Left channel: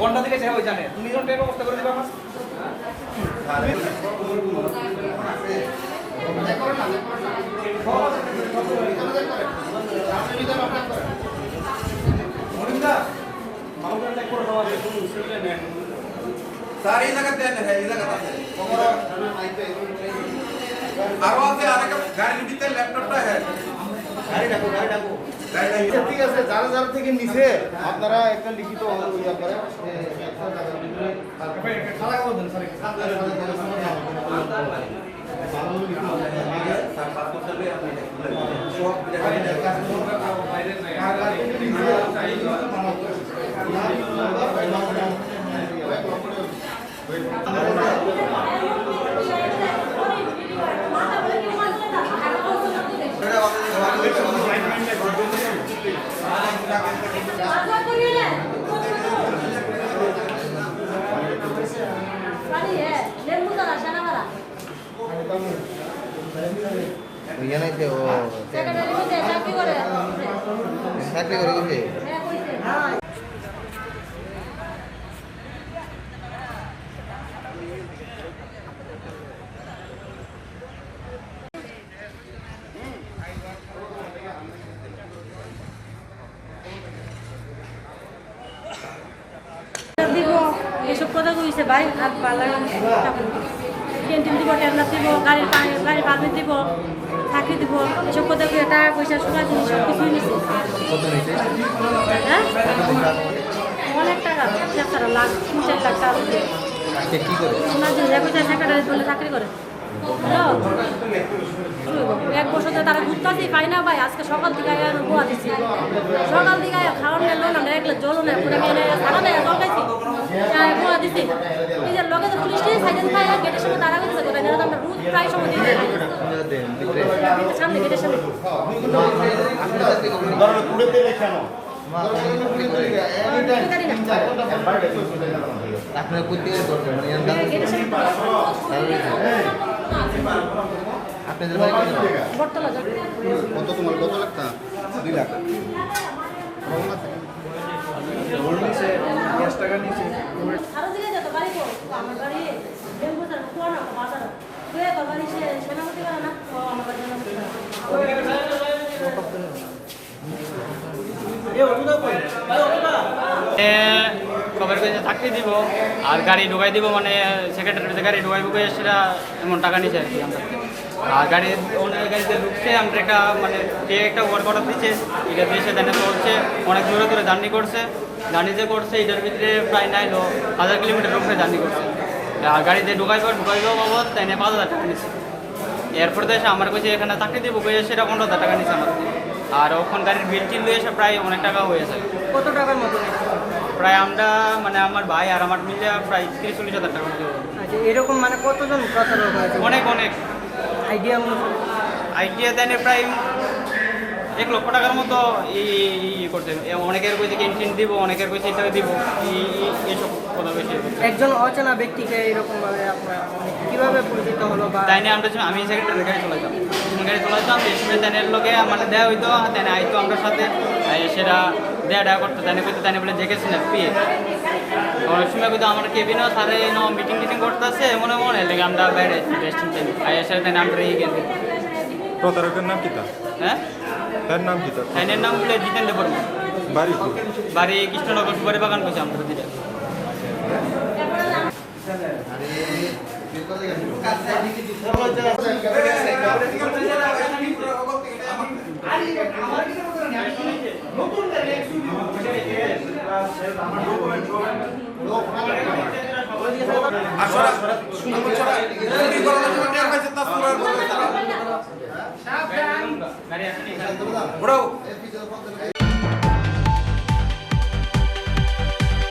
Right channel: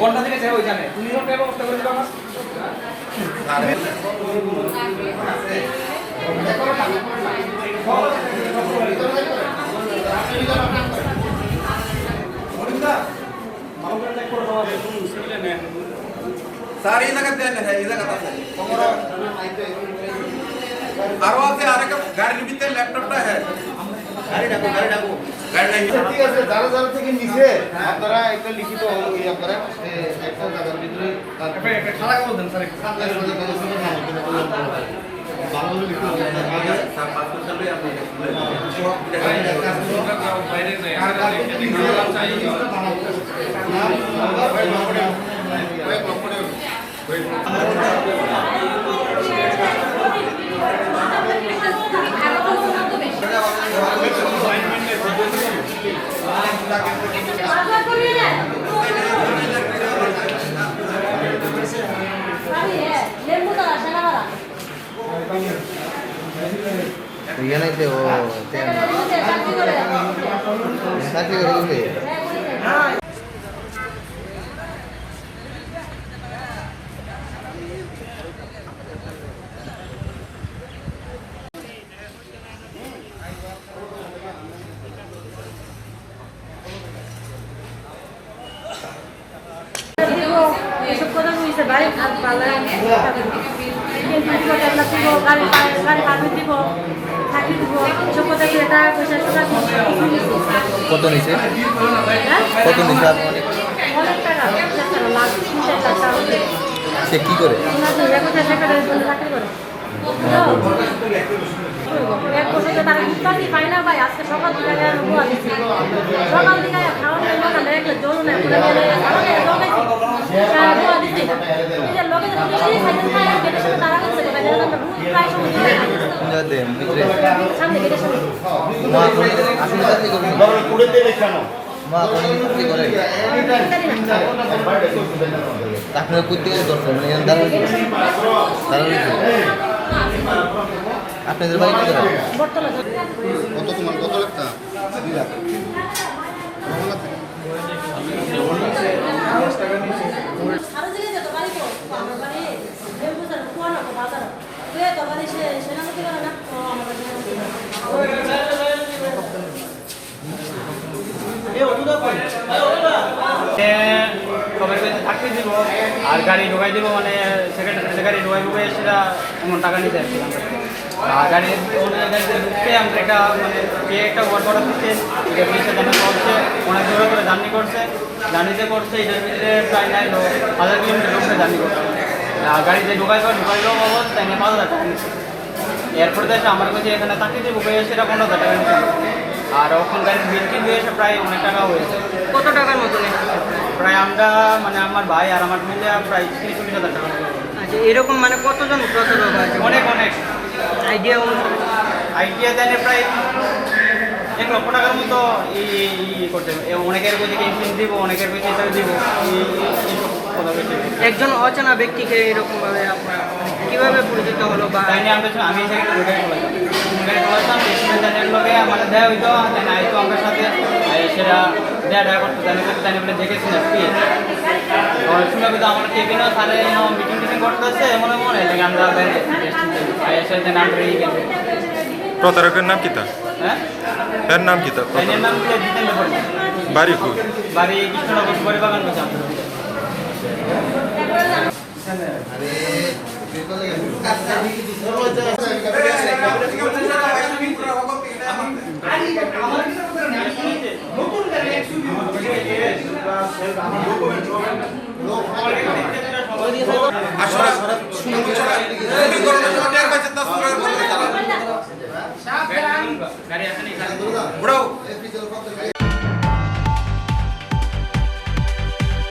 ঘন্টা থেকে ওই জানে তুমি ব্যবস্থা করে দিবা सारी जगह देन है ये जगह है आरोते आने का गाड़ी भीतर लैपटॉपটা है गाड़ी डाको ঠিক আছে যারা যারা থেকে নিচে আপনারা একটা লিখিত ইয়া করেন একটা জায়গার ভিতরে তারপরে একটা খালা করে দেন স্যার খালার মধ্যে কোনো সমস্যা না হবে ভালো লিখিত আগে স্যার পাসপোর্ট করবে আপনি সব বাইরে কার কার এসব কথা বুঝতে ভাই হাত ভালো দিব গাড়ি পারমিট দিব থাকি দিব এসব কথা দিয়ে টাকা পয়সা সোনা কত নিছে হ্যাঁ কত নিছে অনেক টাকা 4 লাখ 3-4 টাকা সে কি করে সোনা দিয়ে রেগুলার সরকারি বলে চাকরি করে এক বছর টাকা উৎপাদি পাই না ভাই আজকে সকাল দিকে বোয়া দিচ্ছি সকাল দিকে খাওয়ার নেই না দেখলে জল নেই সারা নেই জগাইছি বোয়া দিচ্ছি নিজের লোকে পুলিশই সাইকেল পাই গেটের সামনে দাঁড়া করছে প্রায় সময় সামনে গেটের সামনে আপনার কোথেকে দরকার আপনাদের বাড়ি কত তোমার কত লাগতা 2 লাখ আরো দিকে যেত বাড়ি কো আমার বাড়ি বেম্বুসার কোন কো বাজার তুই তো বাড়ি সেনাপতি করে না আমার বাড়ি কবে থাকতে দিব আর গাড়ি ঢোকাই দিব মানে সেকেন্ডারি গাড়ি ঢোকাই ঢুকে সেটা এমন টাকা নিতে আর গাড়ির গাড়িতে ঢুকতে আমি একটা মানে দিয়ে একটা ওয়ার্ড অর্ডার দিচ্ছে এটা বিশে জানে চলছে অনেক দূরে দূরে জার্নি করছে জার্নিতে করছে এটার ভিতরে প্রায় 9,000 কিলোমিটার লোককে জার্নি করছে আর গাড়িতে ঢুকাইলেও বাবদ তাই 5,000 টাকা নিচ্ছে এরপরে তো এসে আমার কাছে এখানে থাকতে দিব সেটা 15,000 টাকা নিচ্ছে আর ওখান গাড়ির বিল্ডিং দিয়ে এসে প্রায় অনেক টাকা হয়েছে কত টাকার মতো প্রায় আমরা মানে আমার ভাই আর আমার মিলে প্রায় 30-40,000 টাকা। আচ্ছা এরকম মানে কতজন কত লোক আছে অনেক আইডিয়া দেন প্রায় 1 লক্ষ টাকার মতো এই করতে অনেকের কাছে ক্যান্টিন দিব অনেকের কাছে এটা দিব একজন অচেনা ব্যক্তিকে এরকম কিভাবে পরিচিত হলো বা তাই নিয়ে আমি সেখানে লোকে মানে দেওয়া হইতো তাই না আইতো আমার সাথে সেটা দেয়া করতো তাই বলে দেখেছি না পেয়ে শুনে কিন্তু আমার কেবিনও তাহলে মিটিং করতেছে মনে লাগে আমরা বাইরে এসে আমরা এই প্রতারকের নাম কিতা হ্যাঁ এর নাম কিতা এর নাম হলো জিতেন্দ্র বর্মা বাড়ি কই বাড়ি কৃষ্ণনগর সুপারি বাগান পেছাম আসলে শুনুন চলে গাড়ি আসেনি উড়াও